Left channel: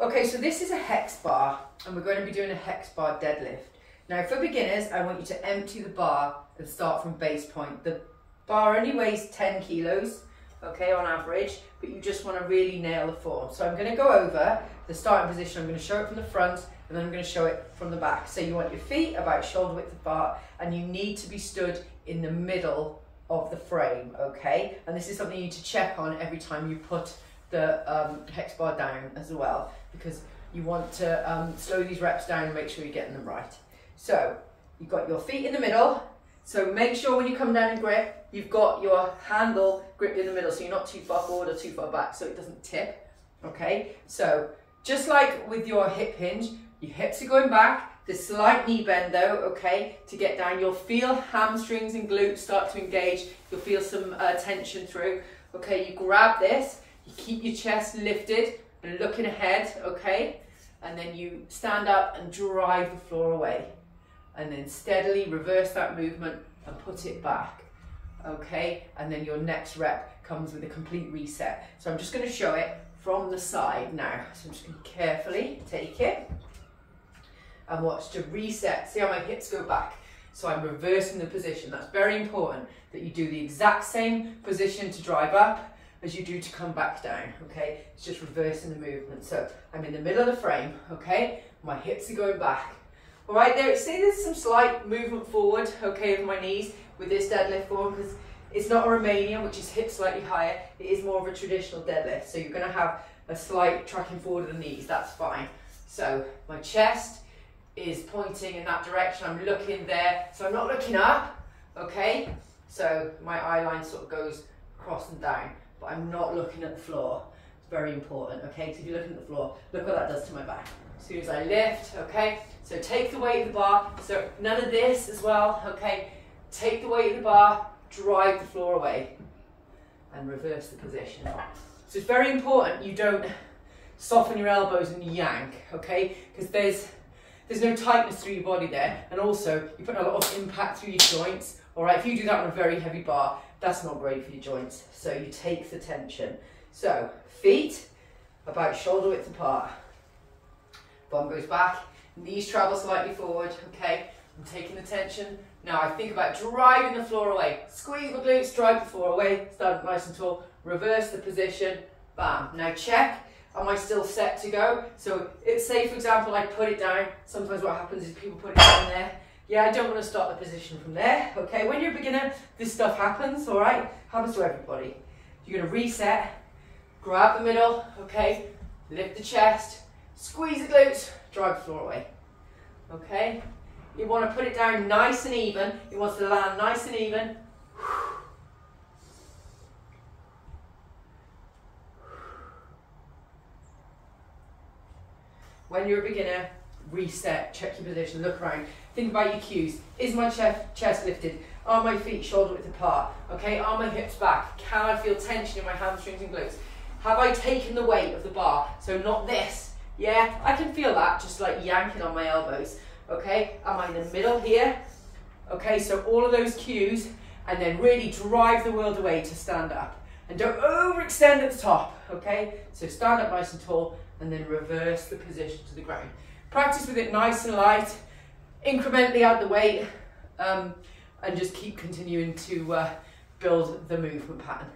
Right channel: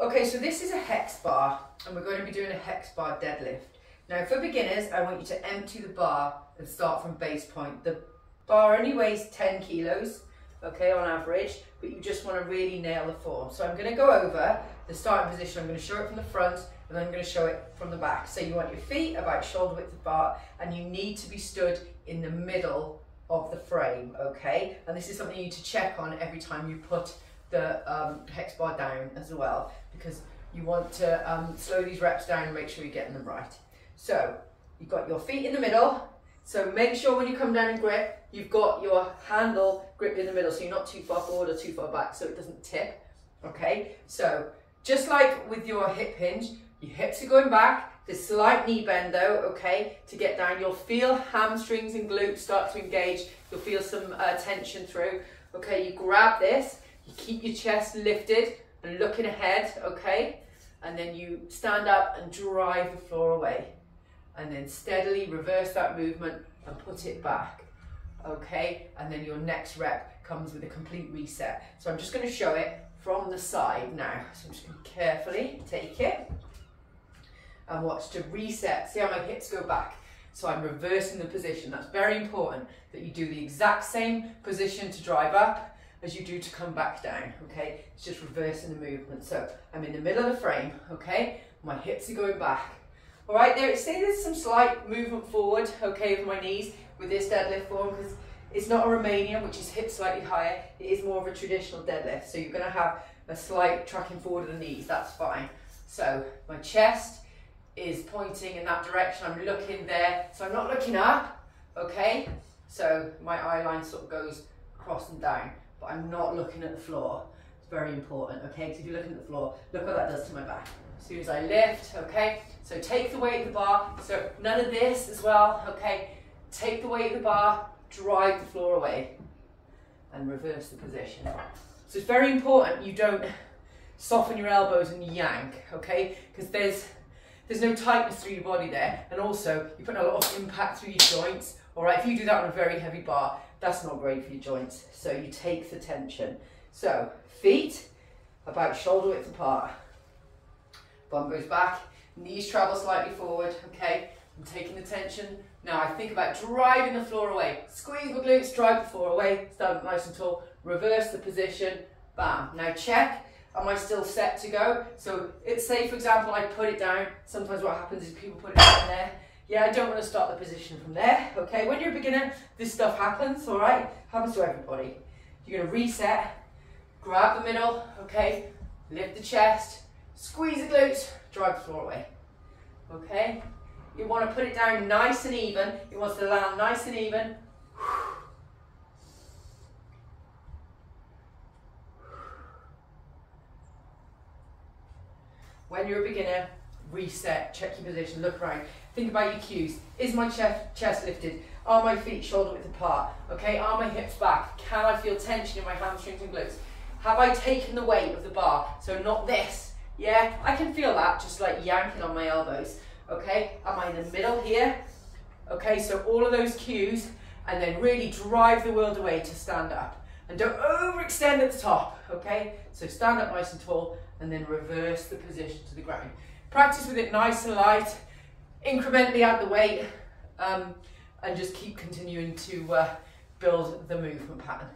Okay, so this is a hex bar, and we're going to be doing a hex bar deadlift. Now for beginners, I want you to empty the bar and start from base point. The bar only weighs 10 kilos, okay, on average, but you just want to really nail the form. So I'm going to go over the starting position. I'm going to show it from the front, and then I'm going to show it from the back. So you want your feet about shoulder width apart, and you need to be stood in the middle of the frame, okay? And this is something you need to check on every time you put the hex bar down as well, because you want to slow these reps down and make sure you're getting them right. So you've got your feet in the middle, so make sure when you come down and grip, you've got your handle gripped in the middle, so you're not too far forward or too far back, so it doesn't tip, okay? So just like with your hip hinge, your hips are going back, the slight knee bend though, okay, to get down. You'll feel hamstrings and glutes start to engage, you'll feel some tension through, okay? You grab this, you keep your chest lifted and looking ahead, okay? And then you stand up and drive the floor away. And then steadily reverse that movement and put it back, okay? And then your next rep comes with a complete reset. So I'm just going to show it from the side now. So I'm just going to carefully take it and watch to reset. See how my hips go back? So I'm reversing the position. That's very important that you do the exact same position to drive up as you do to come back down, okay? It's just reversing the movement. So I'm in the middle of the frame, okay? My hips are going back. All right, say there's some slight movement forward, okay, with my knees with this deadlift form, because it's not a Romanian, which is hips slightly higher. It is more of a traditional deadlift. So you're gonna have a slight tracking forward of the knees, that's fine. So my chest is pointing in that direction. I'm looking there, so I'm not looking up, okay? So my eye line sort of goes across and down, but I'm not looking at the floor. It's very important, okay? So if you're looking at the floor, look what that does to my back. As soon as I lift, okay? So take the weight of the bar. So none of this as well, okay? Take the weight of the bar, drive the floor away, and reverse the position. So it's very important you don't soften your elbows and yank, okay? Because there's no tightness through your body there, and also you're putting a lot of impact through your joints. All right, if you do that on a very heavy bar, that's not great for your joints. So you take the tension. So feet about shoulder width apart. Bum goes back, knees travel slightly forward, okay? I'm taking the tension. Now I think about driving the floor away. Squeeze my glutes, drive the floor away, stand up nice and tall, reverse the position, bam. Now check, am I still set to go? So say for example, I put it down. Sometimes what happens is people put it down there. Yeah, I don't want to start the position from there, okay? When you're a beginner, this stuff happens, all right? Happens to everybody. You're gonna reset, grab the middle, okay? Lift the chest, squeeze the glutes, drive the floor away, okay? You want to put it down nice and even. It wants to land nice and even. When you're a beginner, reset, check your position, look around. Think about your cues. Is my chest lifted? Are my feet shoulder width apart? Okay, are my hips back? Can I feel tension in my hamstrings and glutes? Have I taken the weight of the bar? So not this, yeah? I can feel that, just like yanking on my elbows, okay? Am I in the middle here? Okay, so all of those cues, and then really drive the world away to stand up. And don't overextend at the top, okay? So stand up nice and tall, and then reverse the position to the ground. Practice with it nice and light, incrementally add the weight, and just keep continuing to build the movement pattern.